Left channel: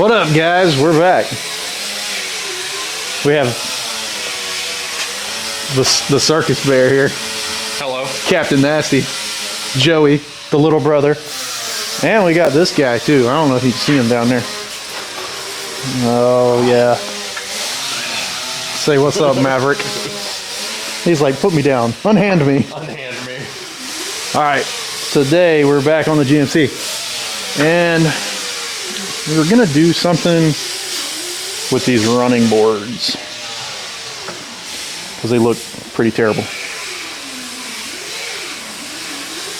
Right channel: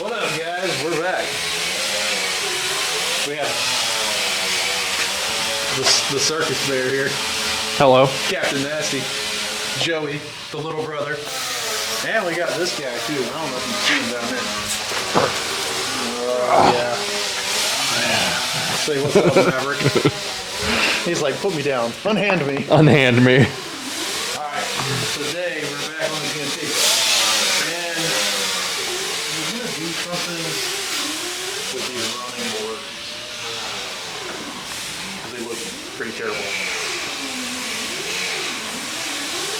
What up, guys? We're back. We have the circus bear here. Hello. Captain Nasty. Joey, the little brother. And we got this guy, too. I don't know if you can see him down there. Oh, yeah. Say what's up, Maverick. He's like, put me down. Unhand me. Unhand me. All right. Today, we're back on the GMC. And we're going to do something with these running boards. Because they look pretty terrible.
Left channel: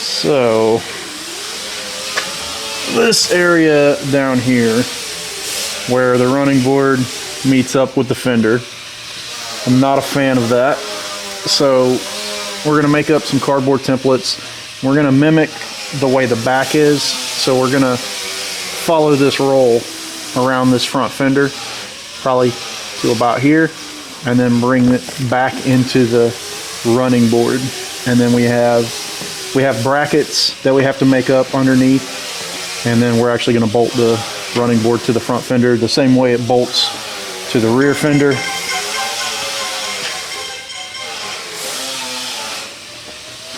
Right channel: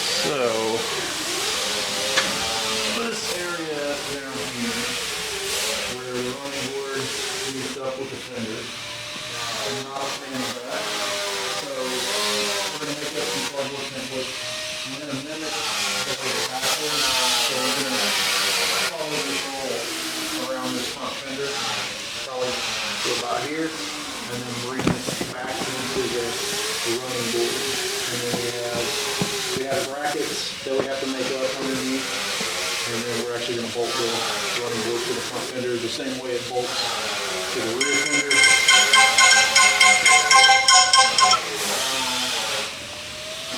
So, this area down here, where the running board meets up with the fender, I'm not a fan of that. So, we're going to make up some cardboard templates. We're going to mimic the way the back is. So, we're going to follow this roll around this front fender, probably to about here, and then bring it back into the running board. And then we have brackets that we have to make up underneath, and then we're actually going to bolt the running board to the front fender the same way it bolts to the rear fender.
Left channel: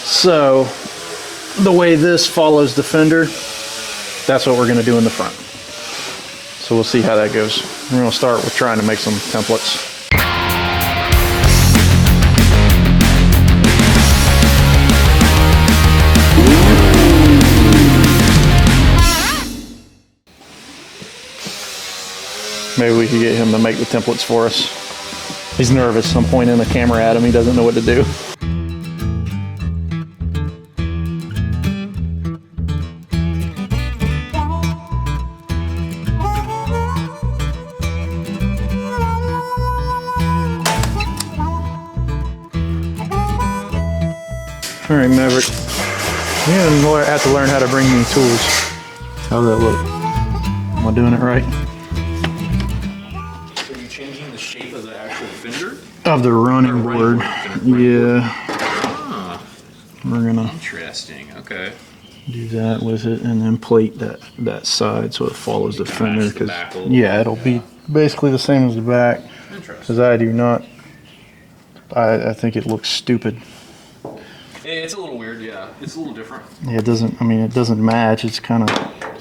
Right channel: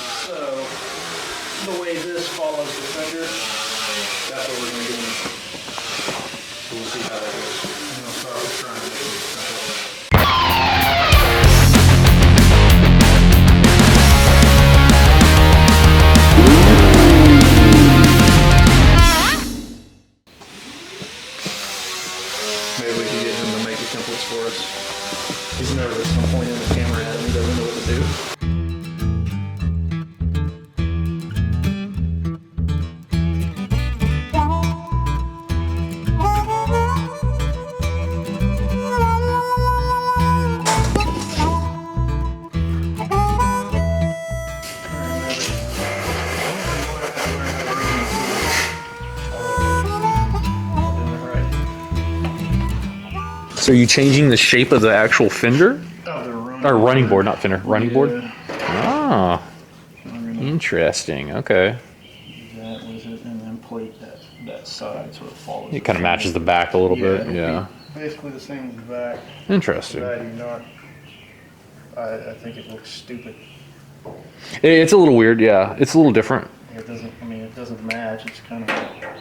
So the way this follows the fender, that's what we're going to do in the front. So we'll see how that goes. We're going to start with trying to make some templates. Maybe we could get him to make the templates for us. He's nervous. I'm pointing the camera at him. He doesn't know what to do. All right, Maverick. You're gonna have to learn how to bring me tools. How's that look? Am I doing it right? So are you changing the shape of the actual fender? Of the running board, not fender. Running board? Ah. We're gonna interesting. Okay. do that with it and then plate that side so it follows the Kind of fender. matches the back a little bit. Yeah, it'll be basically the same as the back. Interesting. Because I do not, I think it looks stupid. It's a little weird, yeah. It's a little different. Yeah, it doesn't match. It's kind of,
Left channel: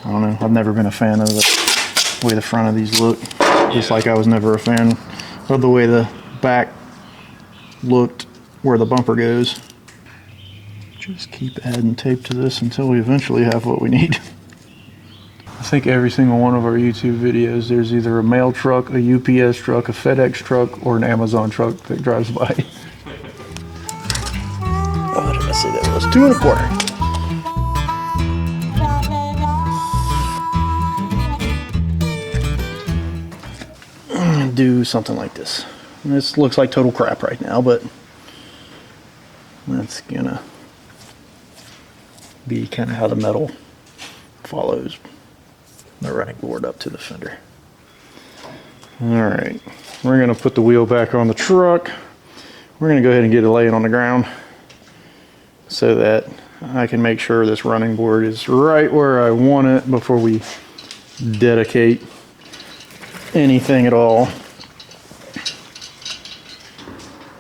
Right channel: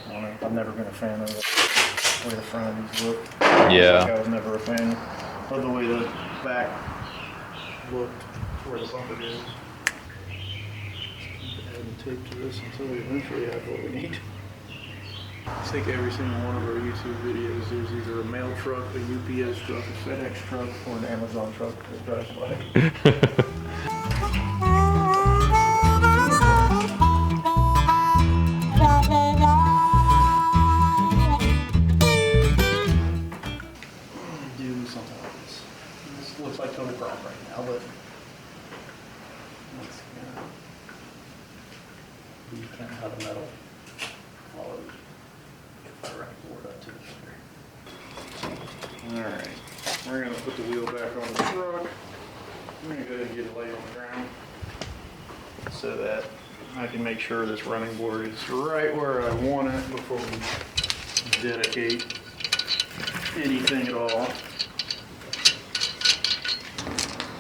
I don't know. I've never been a fan of the way the front of these look. Just like I was never a fan of the way the back looked where the bumper goes. Just keep adding tape to this until we eventually have what we need. I think every single one of our YouTube videos, there's either a mail truck, a UPS truck, a FedEx truck, or an Amazon truck that drives by. So that was 2 1/4. Do something like this. This looks like total crap right now, but that's gonna be kind of how the metal follows the running board up to the fender. All right, we're gonna put the wheel back on the truck. We're gonna go ahead and get it laying on the ground so that I can make sure this running board is right where I want it before we dedicate anything at all.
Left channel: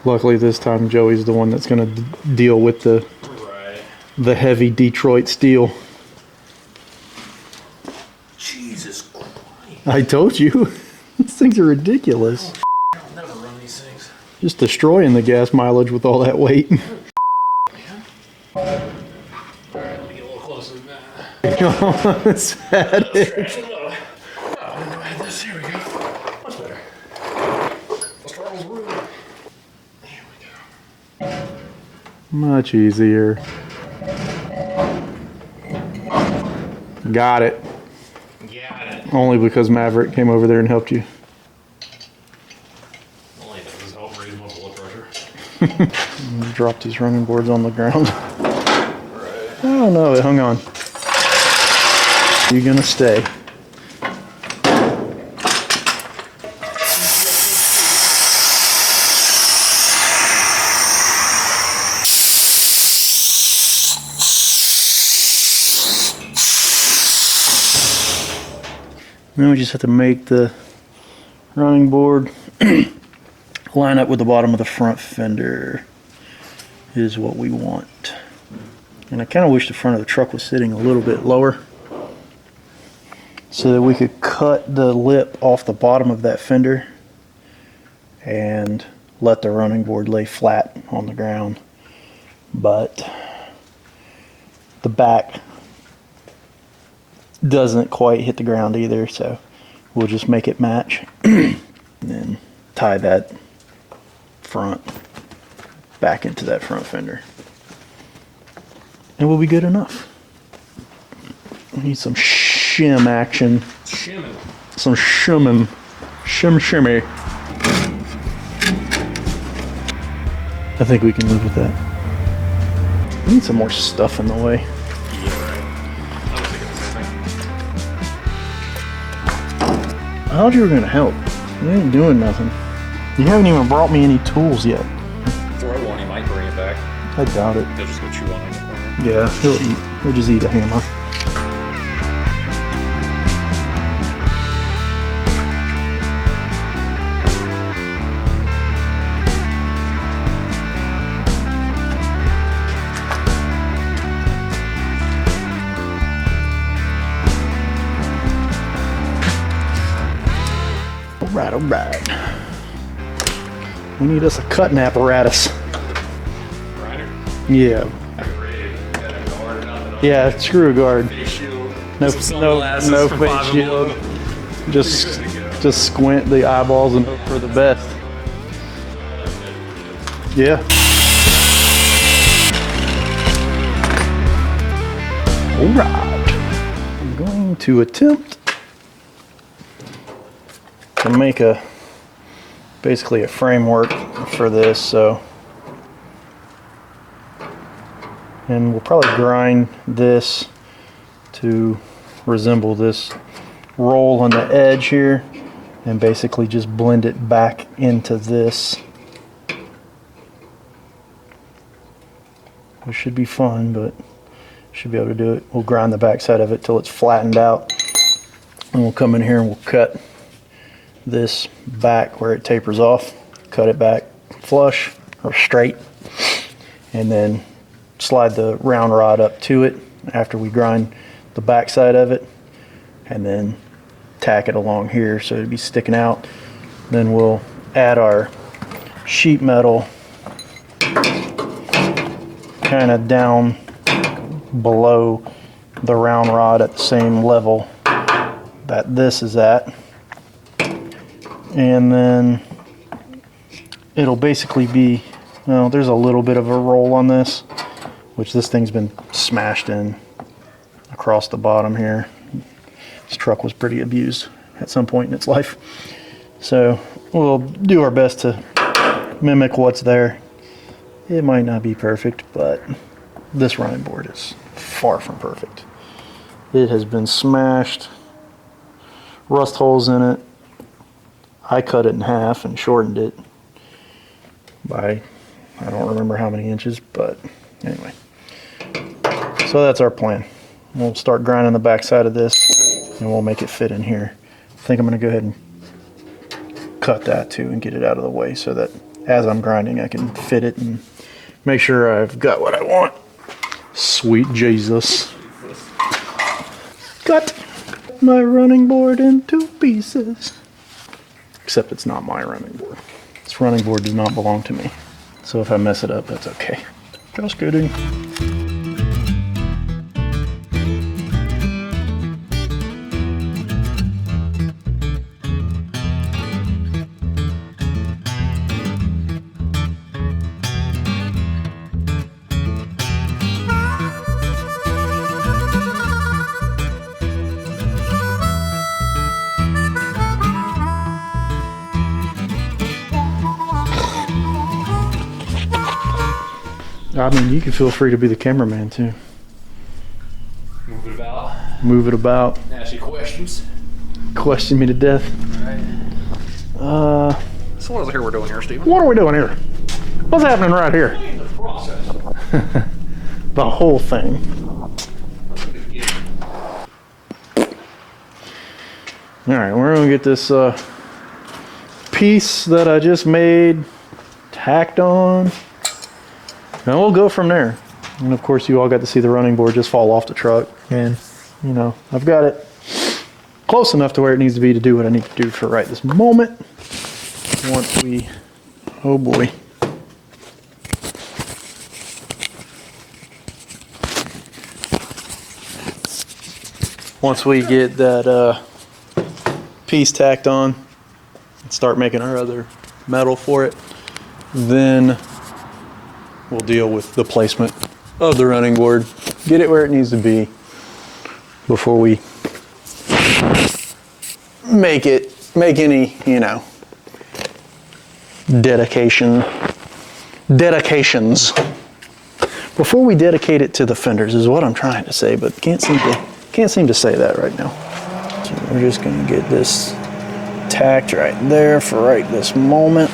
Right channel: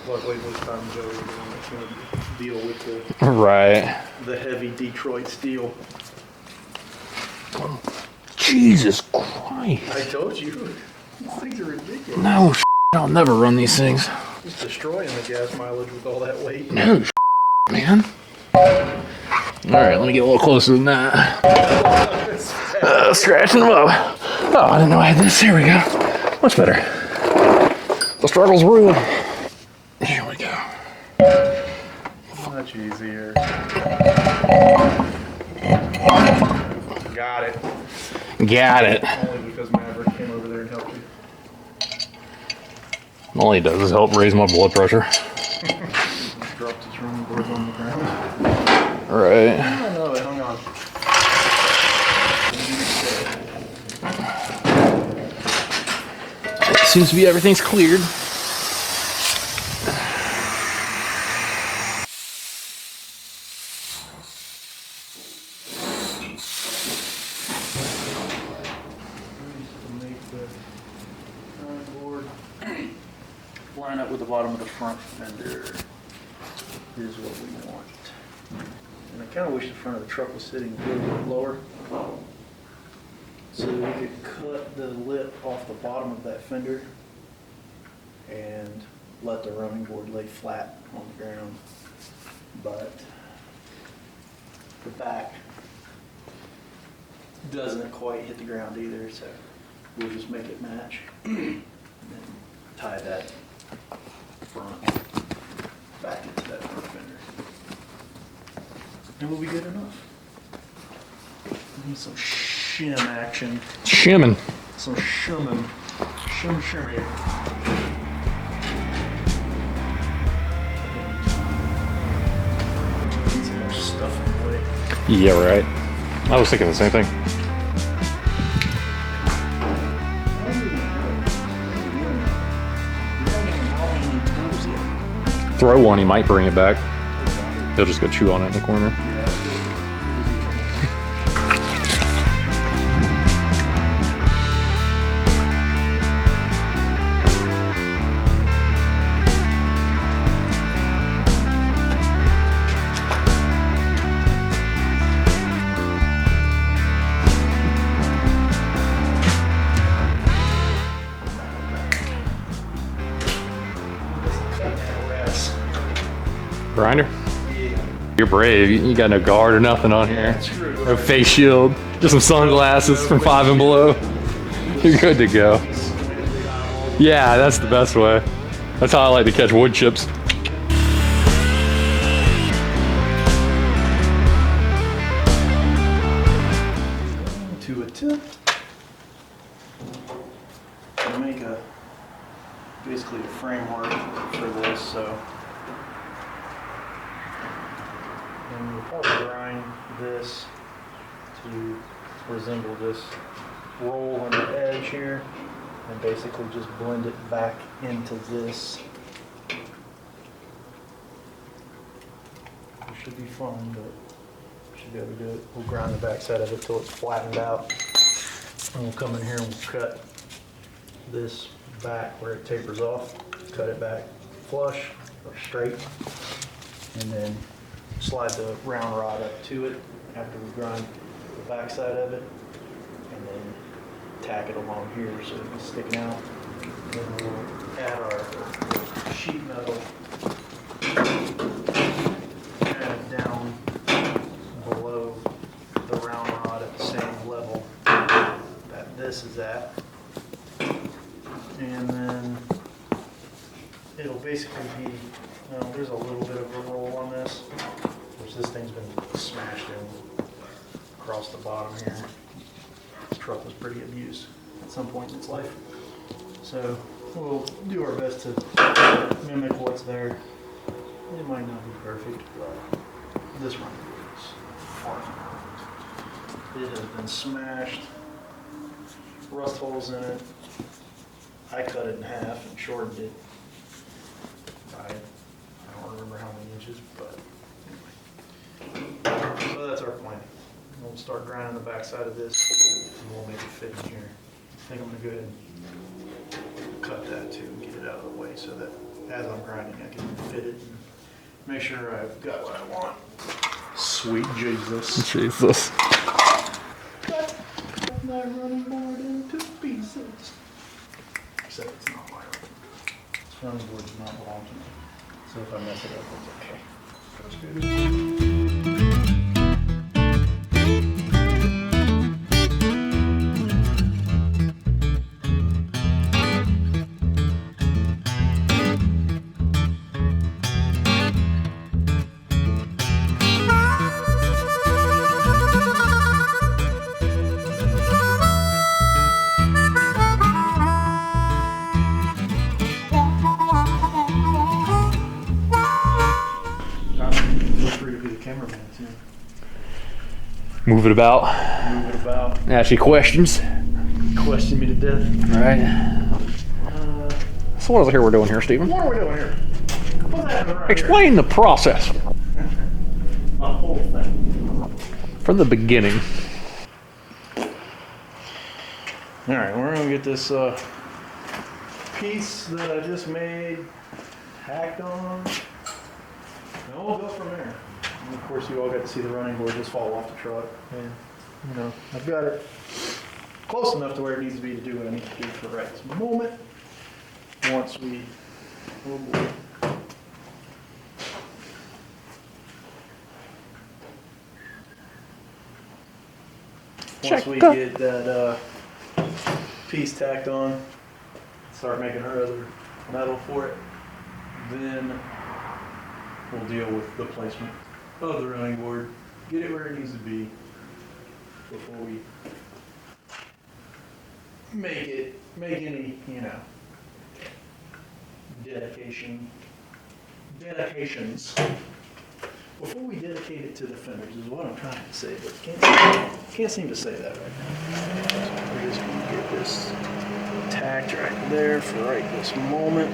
Luckily this time Joey's the one that's going to deal with the heavy Detroit steel. Jesus Christ. I told you. These things are ridiculous. No, I'll never run these things. Just destroying the gas mileage with all that weight. No, man. Alright, let me get a little closer than that. Scratching them up. Oh, I didn't know I had this. Here we go. Much better. The struggle's real. Here we go. Much easier. Got it. Got it. Only because Maverick came over there and helped you. All he does is help raise my blood pressure. Drop these running boards on the ground. Right. Oh no, it hung on. You're gonna stay. Seems to be everything's cleared. Then we just have to make the running board line up with the bottom of the front fender is what we want. And I kind of wish the front of the truck was sitting a little bit lower so that we could cut the lip off the bottom of that fender and let the running board lay flat on the ground. But the back doesn't quite hit the ground either, so we'll just make it match and then tie that front back into that front fender. And we'll be good enough. We need some shim action. Shimming. Some shimming. Shimmy. I think we can move with that. We need some more stuff in the way. Yeah, right. I was thinking the same thing. I thought you were gonna help. You ain't doing nothing. You haven't even brought me any tools yet. Throw one, he might bring it back. I doubt it. They'll just go chew on it in the corner. Yeah, he'll just eat a hammer. Alright. We need us a cutting apparatus. Grinder? Yeah. You're brave. You got no guard or nothing on Yeah, there. screw a guard. Face shield. Just some sunglasses no from face 5 and shield. below. Just You're good to go. Just squint the eyeballs and Yeah, that's the best way. That's how I like to catch wood chips. Yeah. Alright. I'm going to attempt to make basically a framework for this, and we'll probably grind this to resemble this roll on the edge here and basically just blend it back into this. It should be fun, but should be able to do it. We'll grind the back side of it till it's flattened out, and we'll come in here and we'll cut this back where it tapers off, cut it back flush or straight, and then slide the round rod up to it after we grind the back side of it, and then tack it along here so it'd be sticking out. Then we'll add our sheet metal kind of down below the round rod at the same level that this is at, and then it'll basically be, well, there's a little bit of a roll on this, which this thing's been smashed in across the bottom here. This truck was pretty abused at some point in its life, so we'll do our best to mimic what's there. It might not be perfect, but this running board is far from perfect. It has been smashed, rust holes in it. I cut it in half and shortened it by, I don't remember how many inches, but anyway. So that's our plan. We'll start grinding the back side of this and we'll make it fit in here. I think I'm gonna go ahead and cut that too and get it out of the way so that as I'm grinding I can fit it and make sure I've got what I want. Sweet Jesus. Jesus. Cut my running board into pieces. Except it's not my running board. This running board does not belong to me. So if I mess it up, that's okay. Just kidding. I mean, you can feel free to be the cameraman too. Move it about. Move it about. Ask you questions. Question me to death. Right. So what is it here we're doing here, Stephen? What are we doing here? What's happening right here? Explain the process. The whole thing. From the beginning. All right, we're gonna get this piece that I just made tacked on, and we'll go from there. And of course, you all got to see the running board just fall off the truck, and you know, I've got it close enough to where it needs to be to do what I need to do for right this moment. Once we, oh boy. Once we get that piece tacked on and start making our other metal for it, then we'll deal with the placement of the running board, get it where it needs to be before we make any, you know, dedications. Before we dedicate it to the fenders is what I'm trying to say, but can't seem to say that right now. So we're just gonna get this tacked right there for right this moment.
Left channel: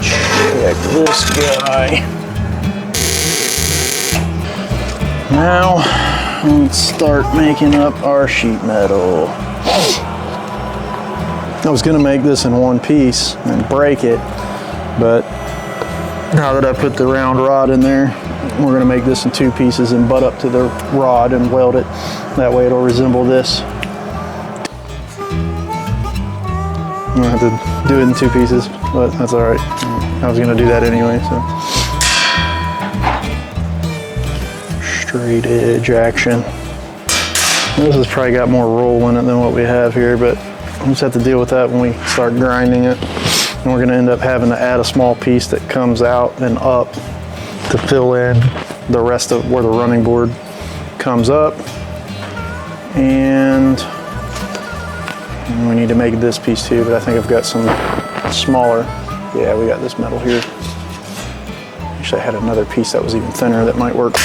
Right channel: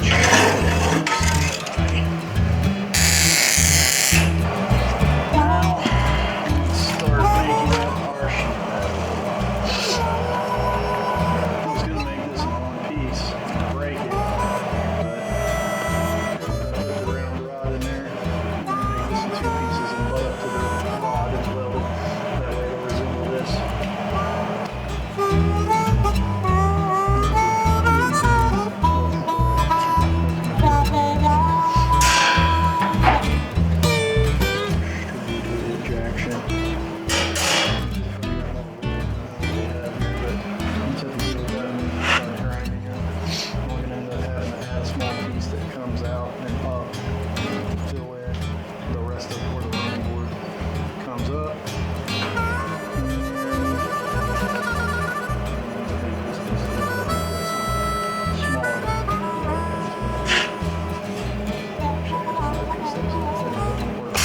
Check this guy. Now let's start making up our sheet metal. I was gonna make this in one piece and break it, but now that I put the round rod in there, we're gonna make this in two pieces and butt up to the rod and weld it. That way it'll resemble this. I'm gonna have to do it in two pieces, but that's all right. I was gonna do that anyway, so. Straight edge action. This has probably got more roll in it than what we have here, but we'll just have to deal with that when we start grinding it. And we're gonna end up having to add a small piece that comes out and up to fill in the rest of where the running board comes up. And we need to make this piece too, but I think I've got some smaller. Yeah, we got this metal here. Actually, I had another piece that was even thinner that might work.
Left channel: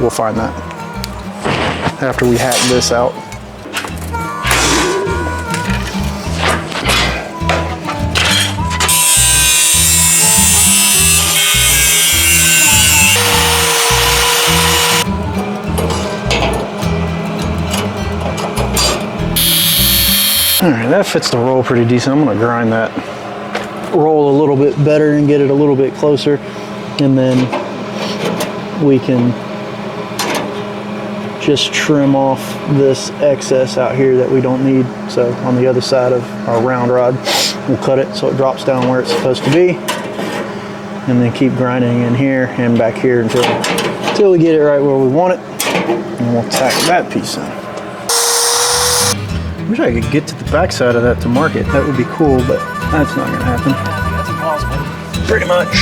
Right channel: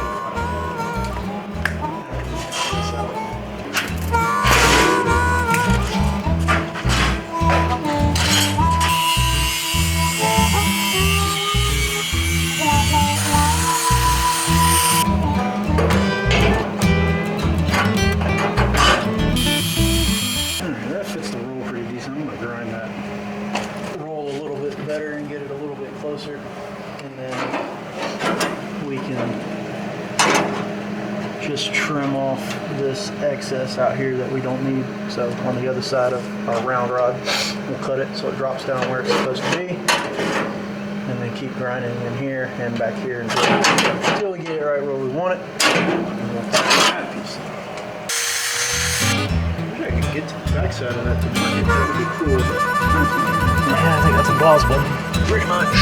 We'll find that after we hack this out. All right, that fits the roll pretty decent. I'm gonna grind that roll a little bit better and get it a little bit closer, and then we can just trim off this excess out here that we don't need. So on the other side of our round rod, we'll cut it so it drops down where it's supposed to be, and then keep grinding in here and back here until we get it right where we want it, and we'll tackle that piece in. I wish I could get to the back side of that to mark it. That would be cool, but that's not gonna happen. I think that's implausible, pretty much.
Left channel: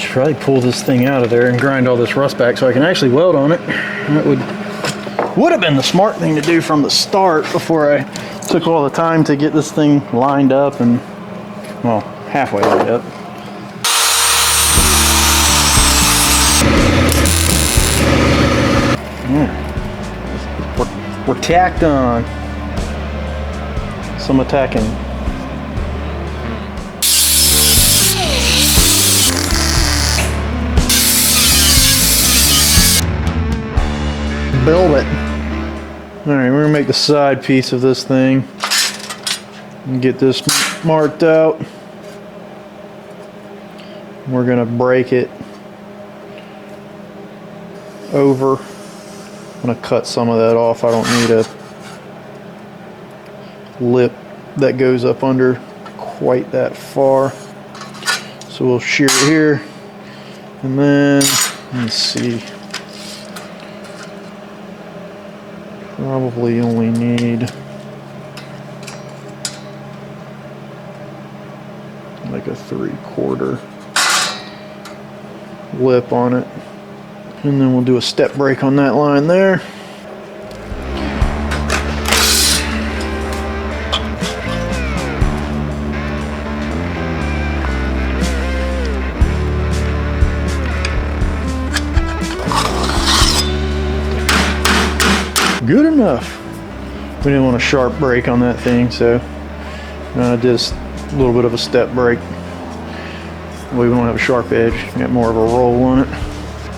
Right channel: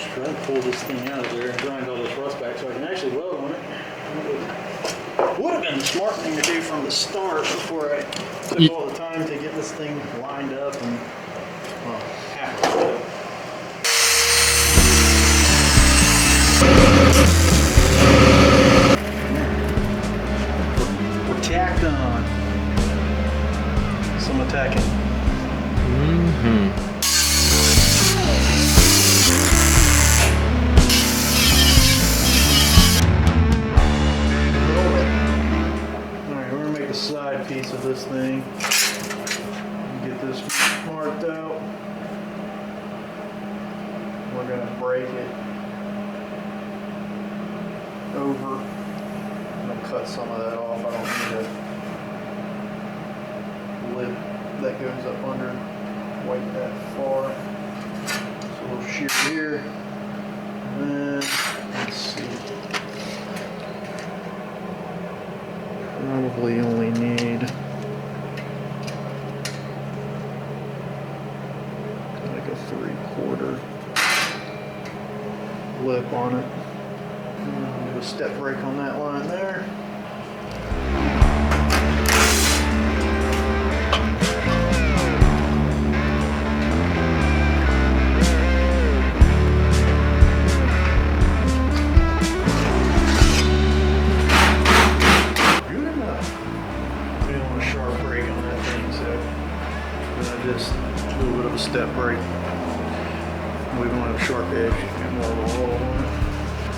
Should probably pull this thing out of there and grind all this rust back so I can actually weld on it. That would have been the smart thing to do from the start before I took all the time to get this thing lined up and, well, halfway lined up. We're tacked on. Some attacking. Build it. All right, we're gonna make the side piece of this thing and get this marked out. We're gonna break it over. I'm gonna cut some of that off. I don't need a lip that goes up under quite that far. So we'll shear it here, and then let's see. Probably only need like a 3/4 lip on it, and then we'll do a step break on that line there. enough. We didn't want a sharp break on that thing, so I did a little bit of a step break. We won't have a sharp edge, got more of a roll on it.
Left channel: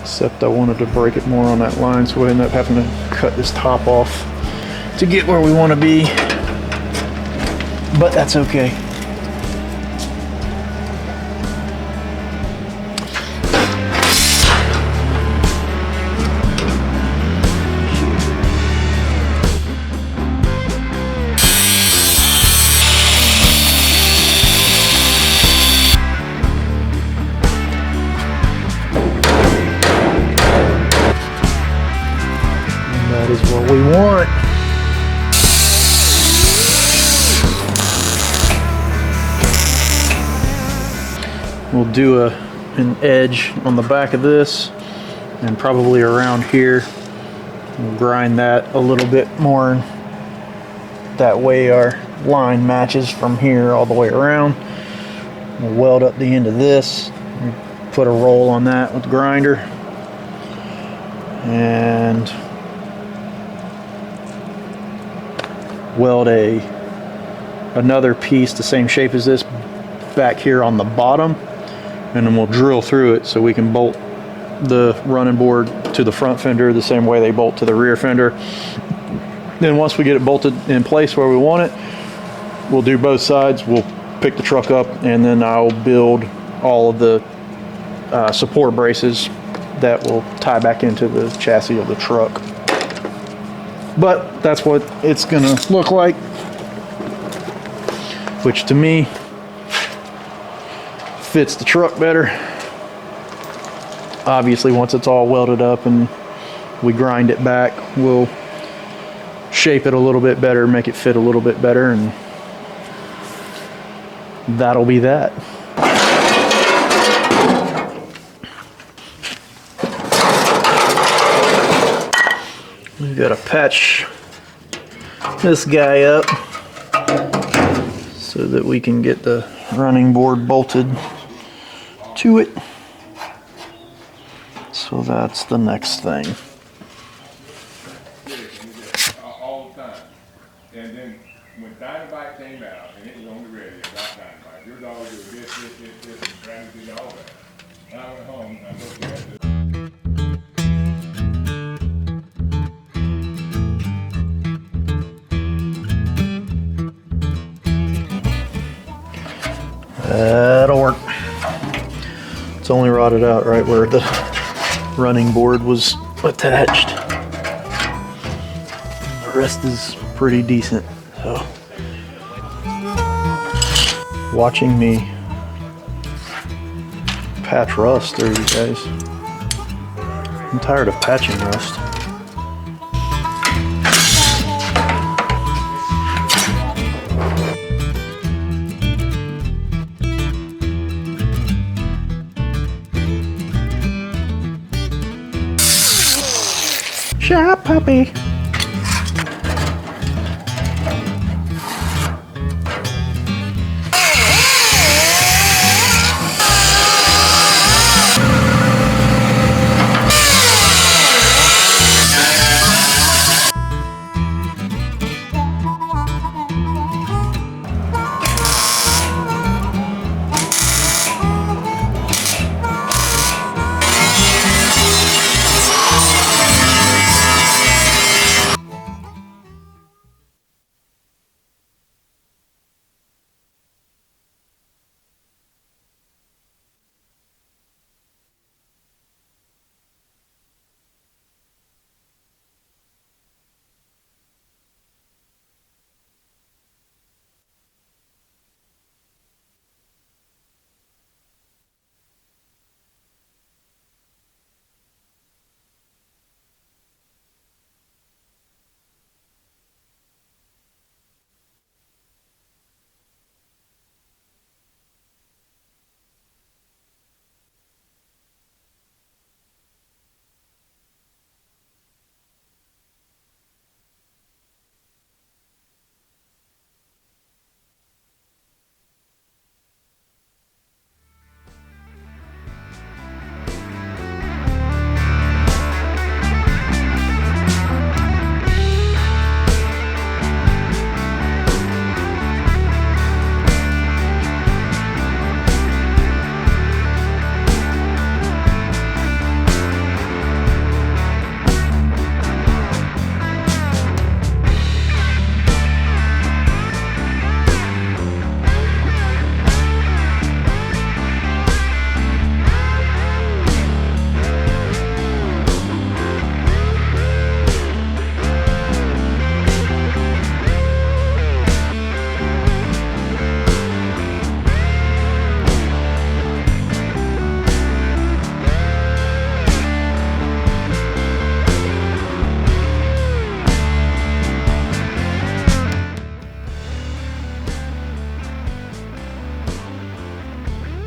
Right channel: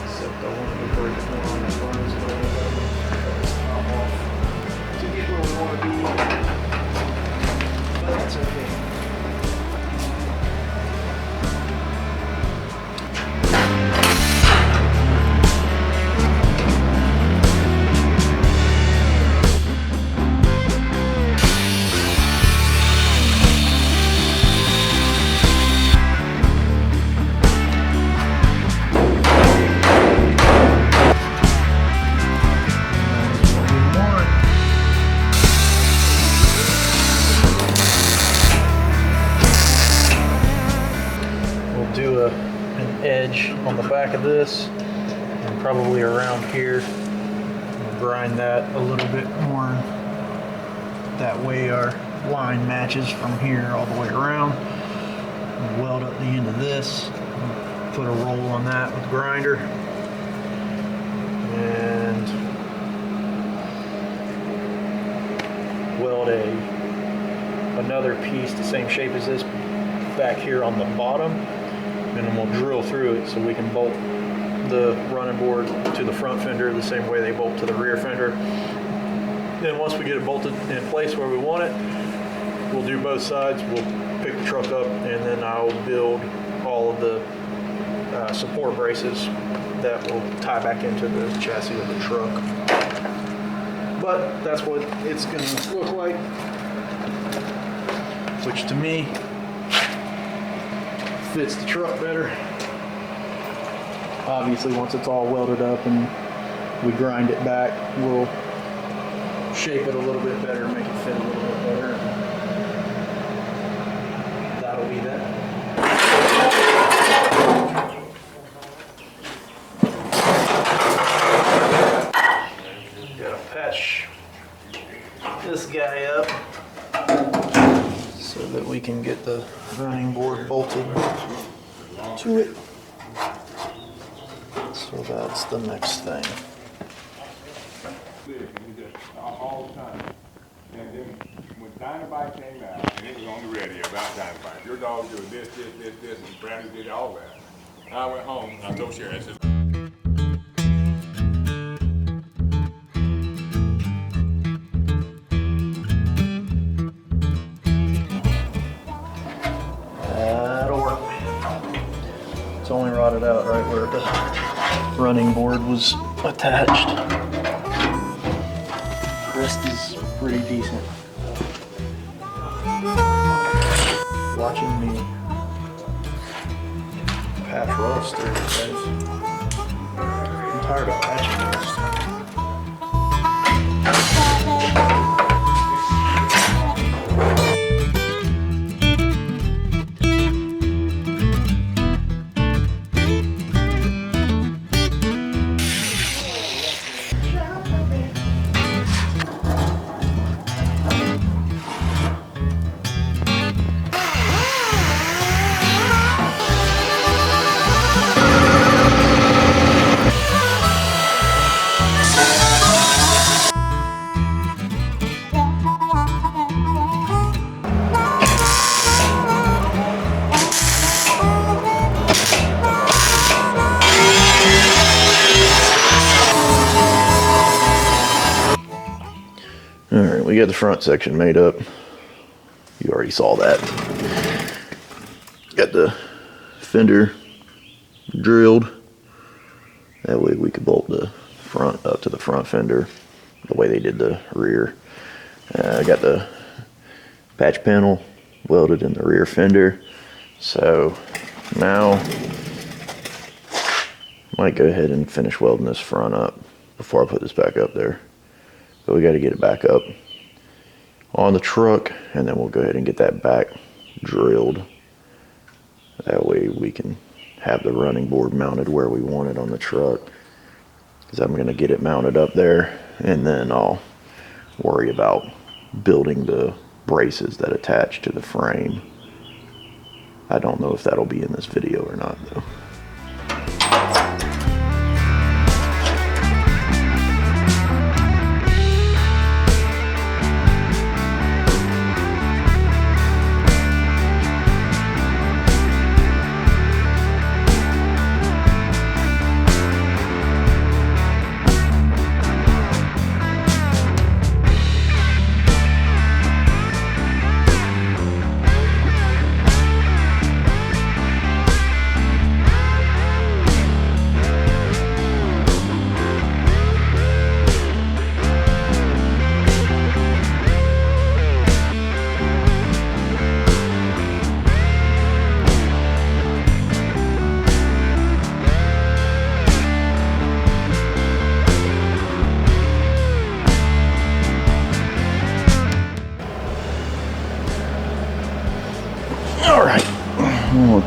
Except I wanted to break it more on that line, so we ended up having to cut this top off to get where we want to be. But that's okay. We'll do an edge on the back of this and probably around here. We'll grind that a little bit more. That way our line matches from here all the way around. We'll weld up the end of this, put a roll on that with the grinder, and weld another piece the same shape as this back here on the bottom, and then we'll drill through it so we can bolt the running board to the front fender the same way they bolt to the rear fender. Then once we get it bolted in place where we want it, we'll do both sides. We'll pick the truck up, and then I'll build all of the support braces that will tie back into the chassis of the truck. But that's what it's gonna look like, which to me fits the truck better. Obviously, once it's all welded up and we grind it back, we'll shape it a little bit better, make it fit a little bit better, and that'll be that. We gotta patch this guy up so that we can get the running board bolted to it. So that's the next thing. All the time. And then when Dynamite came out, and it was on the radio about Dynamite, your dog did this, and Bradley did all that. And I went home, and I was okay. I said, that'll work. It's only rotted out right where the running board was attached. The rest is pretty decent. So, watching me patch rust there, you guys. I'm tired of patching rust. Shut, puppy. Alright, we got the front section made up. You already saw that. Got the fender drilled. That way we could bolt the front up to the front fender the way they did the rear. I got the patch panel welded in the rear fender. So now I might go ahead and finish welding this front up before I put this back up there. But we got to get it back up on the truck, and then we'll go ahead and get that back drilled. That way we can have the running board mounted where we want it on the truck. Because I'm going to get it mounted up there, and then I'll worry about building the braces that attach to the frame. I don't know if that'll be in this video or not though.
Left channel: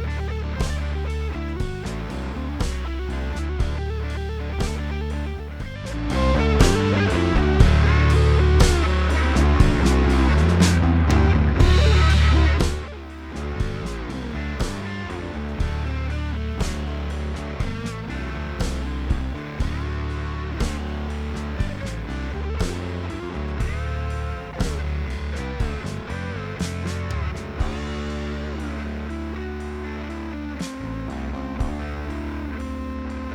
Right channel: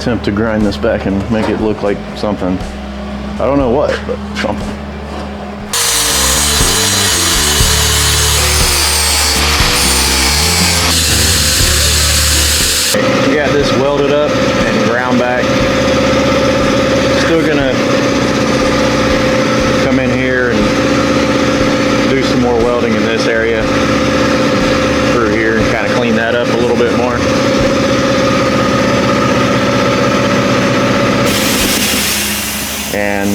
attempt to grind this back and make it look like something. I don't know what, but something. We got this welded up and ground back. Still gonna come in here and do some more welding in this area through here and kind of clean that up a little bit more. And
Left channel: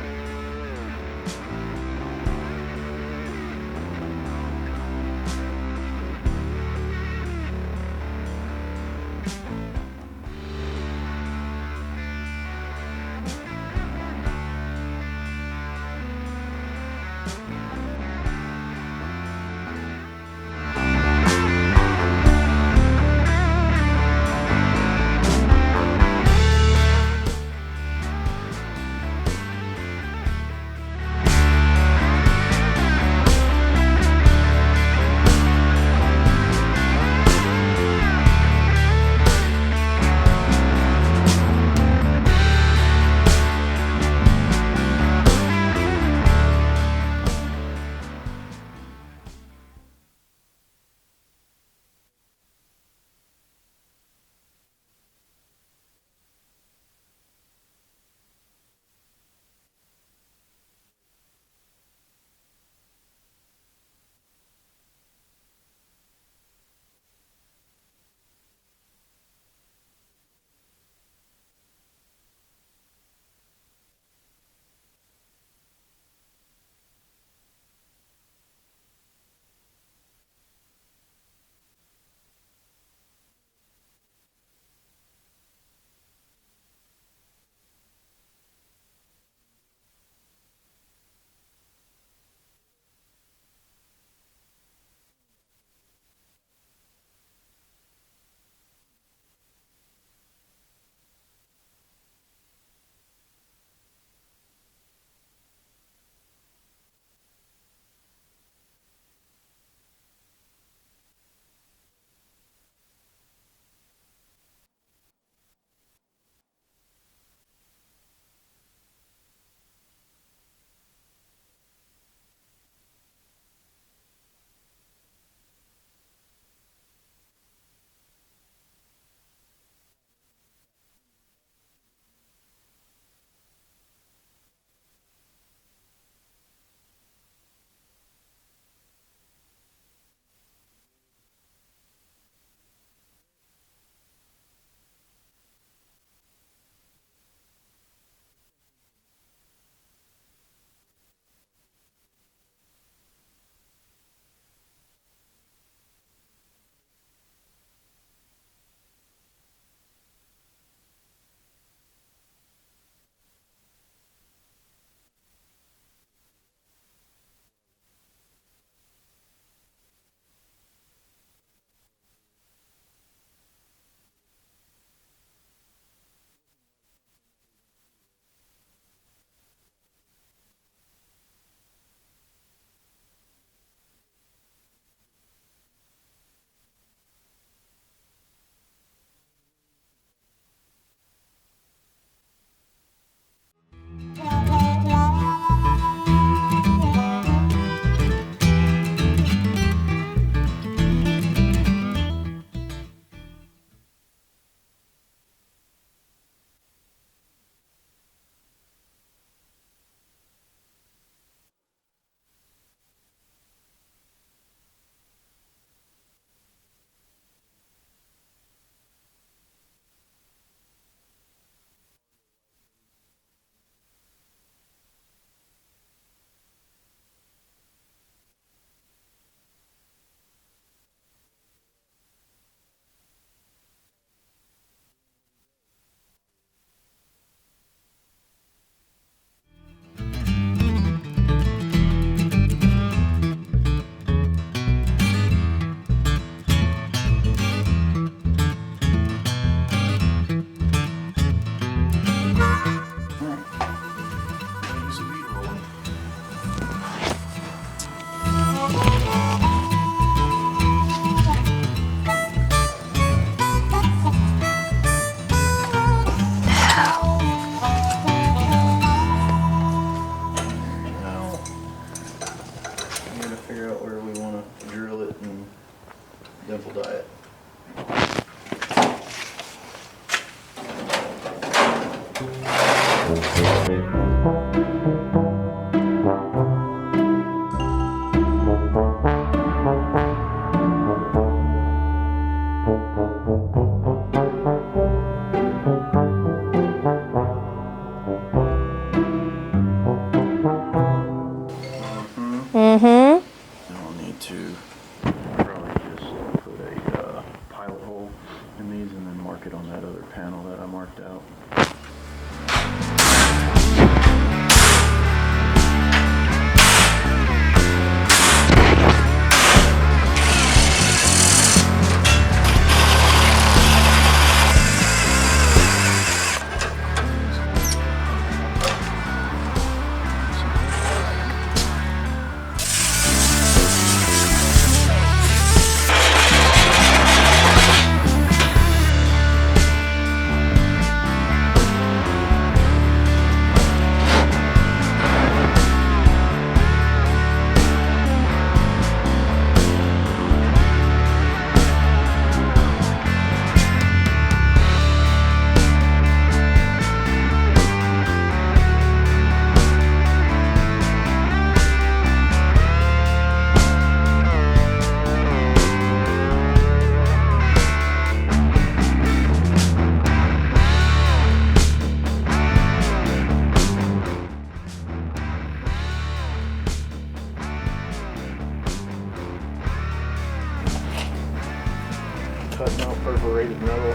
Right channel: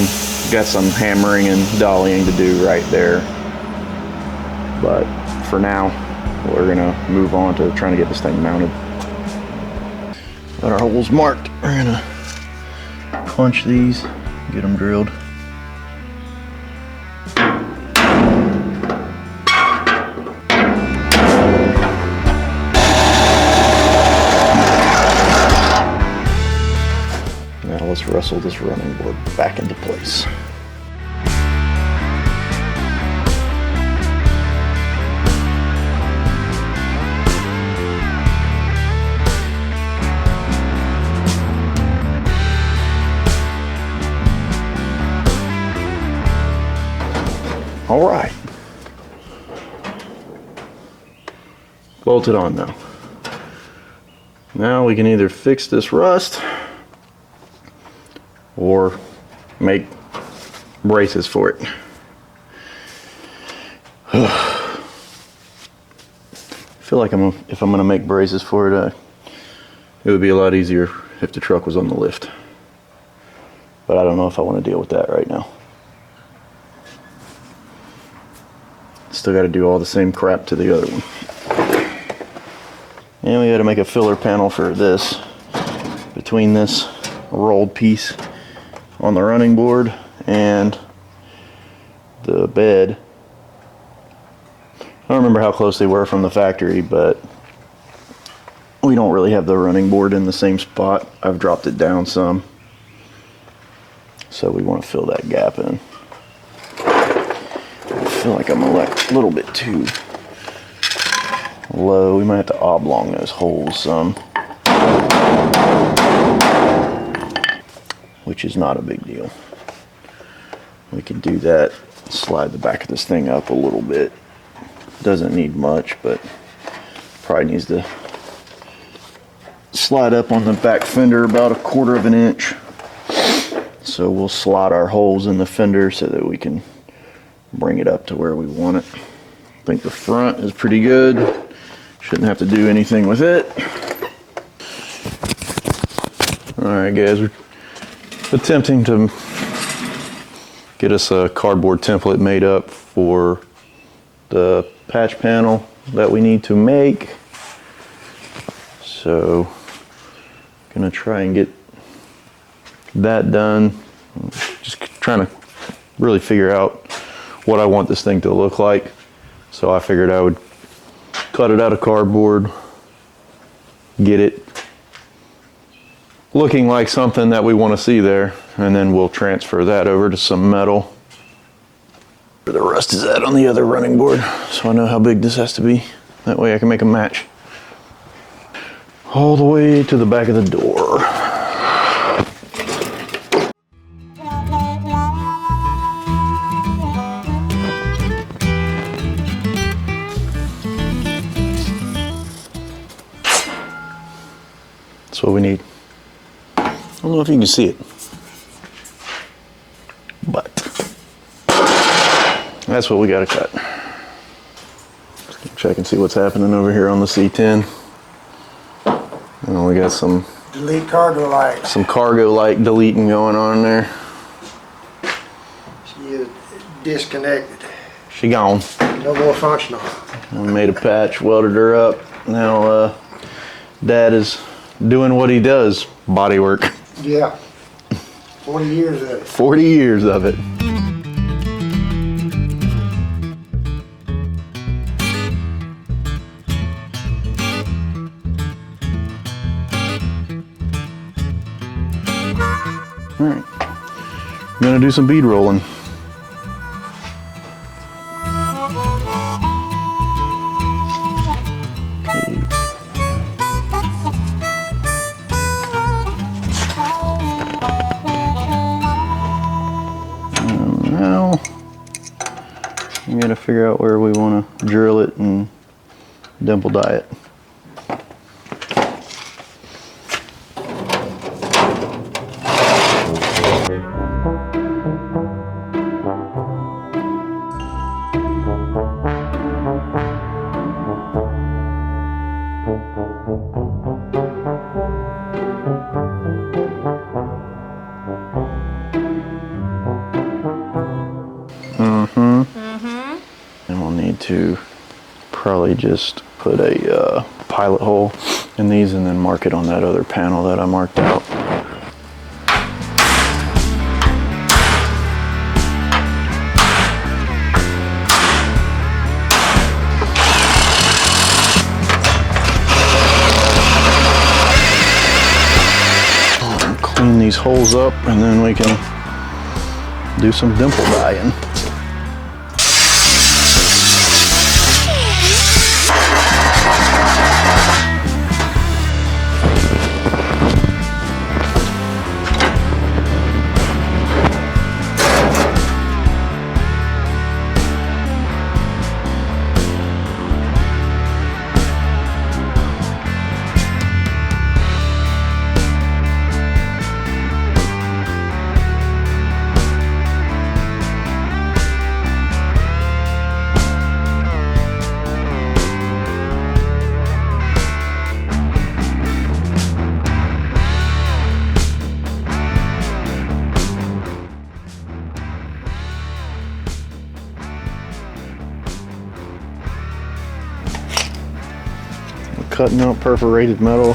got some hammering and dollying to do right there. But for now, we're gonna move on to trying to get this thing mounted. Got our holes marked. We're gonna punch these, get them drilled. Now let's wrestle this running board back into place. All right. Bolted on now. Now we can either fix this rust or make braces for it. I feel like if I'm gonna make braces for it, it would be a lot easier if the truck was on the lift. But I don't know if I want to deal with that right now. Still got to do all the same crap to the other one. And we got to make a filler panel for this, between this rolled piece on the running board and the bed. I don't remember how close they were from the factory, but we don't really have the running board in the same spot. I've dropped it down some, so we want to fill that gap in. I feel like I'm a little bit too low. We might have to oblong those holes some, which is not a big deal. We can do that, slide the back of this thing up a little bit. Doesn't need much, but probably needs to slide up on the back fender about 1/4 of an inch. So we'll slot our holes in the fender so that we can bring it up to where we want it. I think the front is pretty good. Shouldn't have to do anything with it. Alright guys, we're attempting to get us a cardboard template made up for the patch panel that we need to make. So, gonna try and get that done. Just trying to really figure out what I want this thing to look like. So I figured I would cut it out of cardboard, get it looking like something that we want to see there, and then we'll transfer that over to some metal. Where the rust is at on the other running board, so I know how big this has to be. That way I can make a match. All the way to the back of the door. That's what we need. I don't know if you can see it, but that's what we got to cut. Check and see what's happening over here on the C10. And we got some delete cargo light. Some cargo light deleting going on there. She is disconnected. She gone. No more functional. We made a patch, welded her up. Now Dad is doing what he does, body work. Yeah. 40 years of it. 40 years of it. Alright, I'm gonna do some bead rolling. We gotta figure out where we want to drill it and dimple die it. And we'll need to probably just put a pilot hole in these and then mark it on that other panel that I marked out. Clean these holes up and then we can do some dimple dyeing. Cutting out perforated metal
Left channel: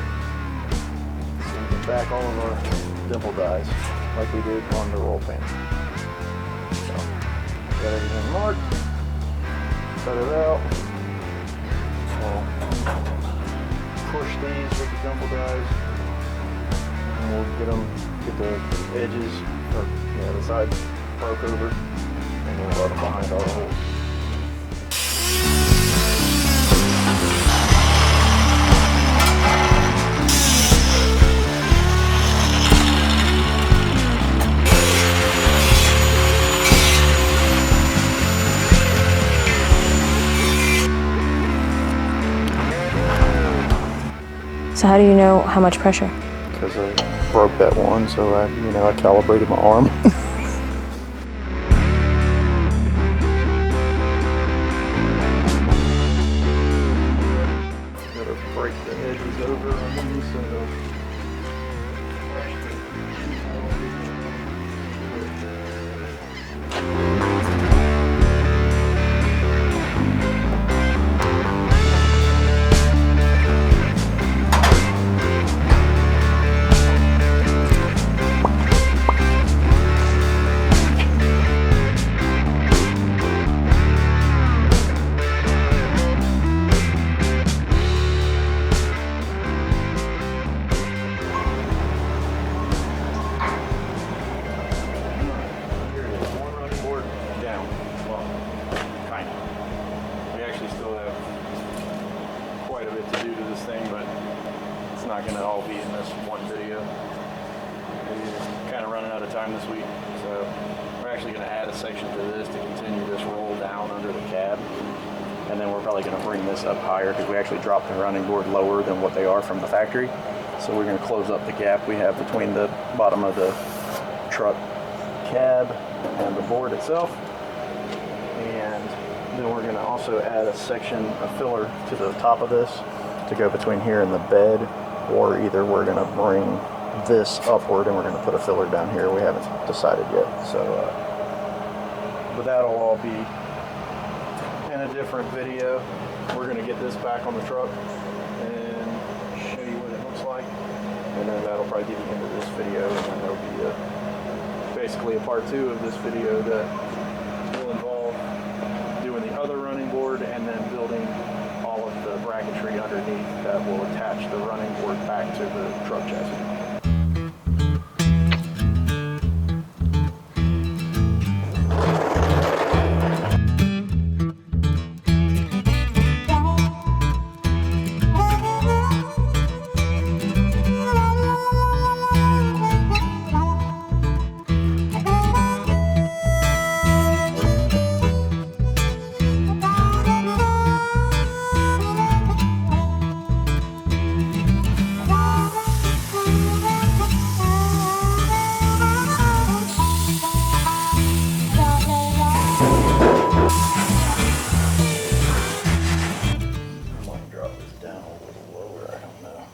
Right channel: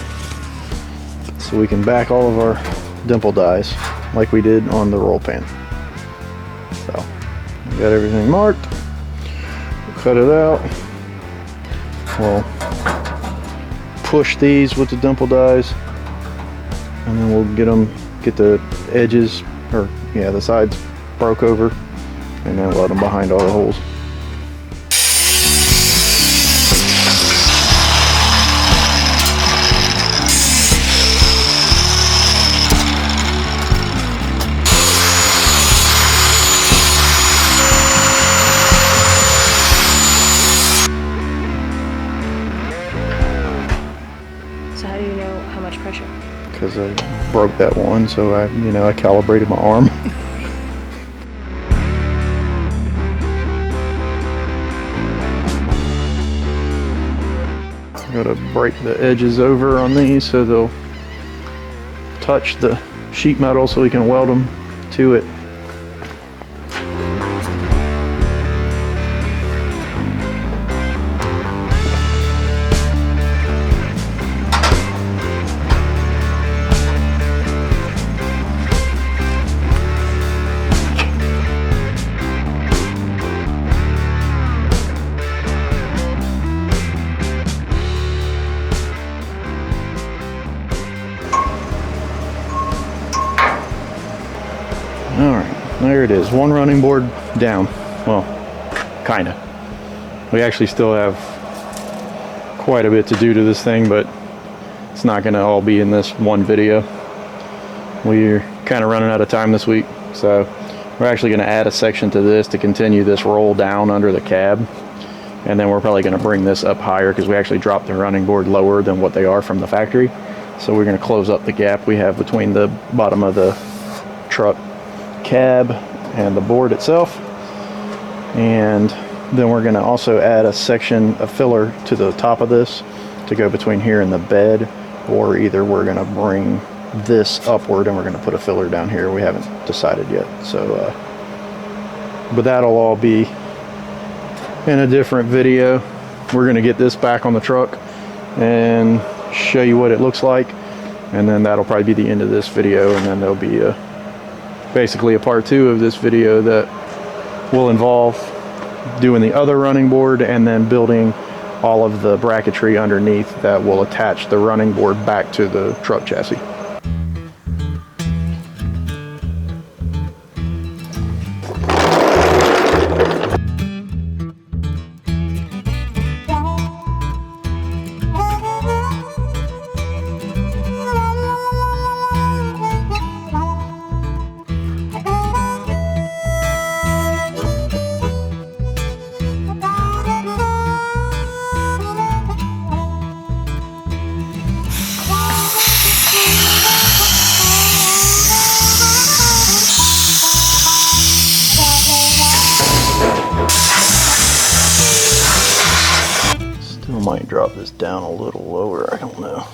so we can back all of our dimple dies like we did on the roll pan. So, got everything marked, cut it out. We'll push these with the dimple dies and then we'll get the edges, or yeah, the sides broke over and then let them behind all the holes. So how do you know how much pressure? Because I broke that one, so I calibrated my arm. Gotta break the edges over on these so they'll touch the sheet metal so we can weld them to it. There it is, one running board down. Well, kinda. We actually still have quite a bit to do to this thing, but it's not gonna all be in this one video. We're kind of running out of time this week, so we're actually gonna add a section to this to continue this roll down under the cab. And then we're probably gonna bring this up higher because we actually dropped the running board lower than what they are from the factory. So we're gonna close up the gap we have between the bottom of the truck cab and the board itself, and then we're going to also add a section of filler to the top of this to go between here and the bed, or either we're going to bring this upward and we're going to put a filler down here. We haven't decided yet, so but that'll all be in a different video. We're going to get this back on the truck and show you what it looks like, and then that'll probably be the end of this video, and then there'll be basically a part 2 of this video that will involve doing the other running board and then building all of the bracketry underneath that will attach the running board back to the truck chassis. me drop this down a little lower. I don't know.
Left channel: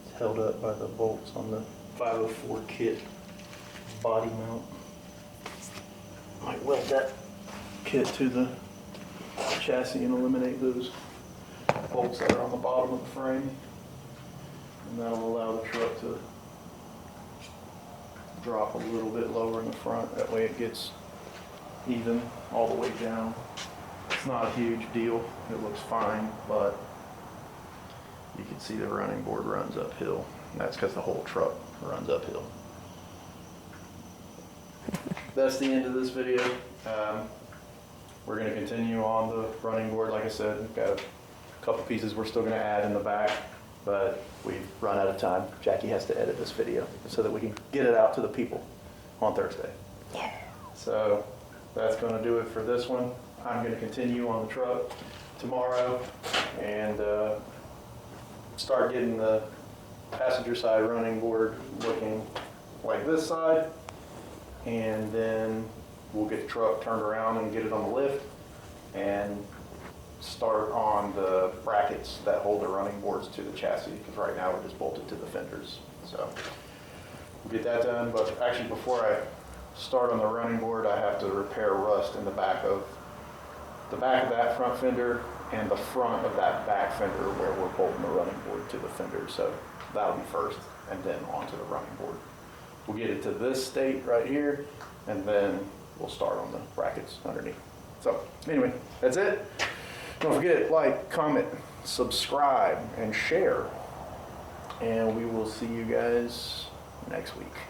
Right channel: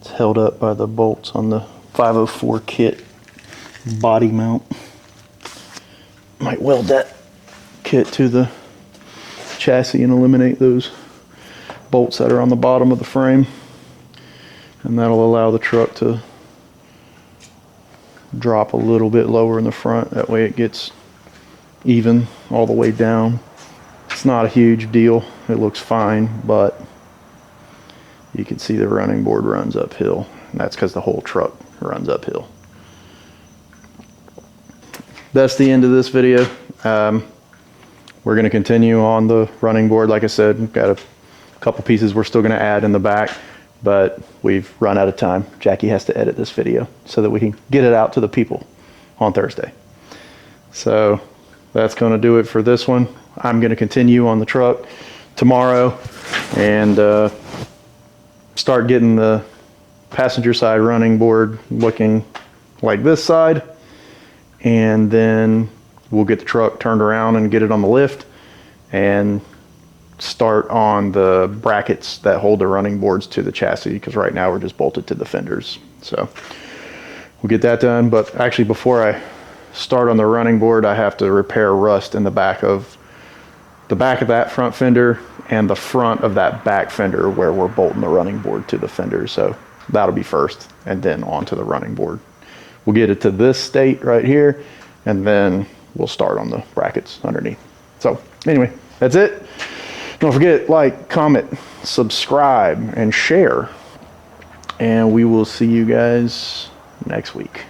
It's held up by the bolts on the 504 kit body mount. Might weld that kit to the chassis and eliminate those bolts that are on the bottom of the frame, and that'll allow the truck to drop a little bit lower in the front. That way it gets even all the way down. It's not a huge deal. It looks fine, but you can see the running board runs uphill. And that's because the whole truck runs uphill. That's the end of this video. We're going to continue on the running board. Like I said, we've got a couple pieces we're still going to add in the back, but we've run out of time. Jackie has to edit this video so that we can get it out to the people on Thursday. So that's going to do it for this one. I'm going to continue on the truck tomorrow and start getting the passenger side running board looking like this side, and then we'll get the truck turned around and get it on the lift and start on the brackets that hold the running boards to the chassis, because right now we're just bolted to the fenders. So we'll get that done. But actually, before I start on the running board, I have to repair rust in the back of that front fender and the front of that back fender where we're bolting the running board to the fender. So that'll be first, and then onto the running board. We'll get it to this state right here, and then we'll start on the brackets underneath. So anyway, that's it. Don't forget, like, comment, subscribe, and share. And we will see you guys next week.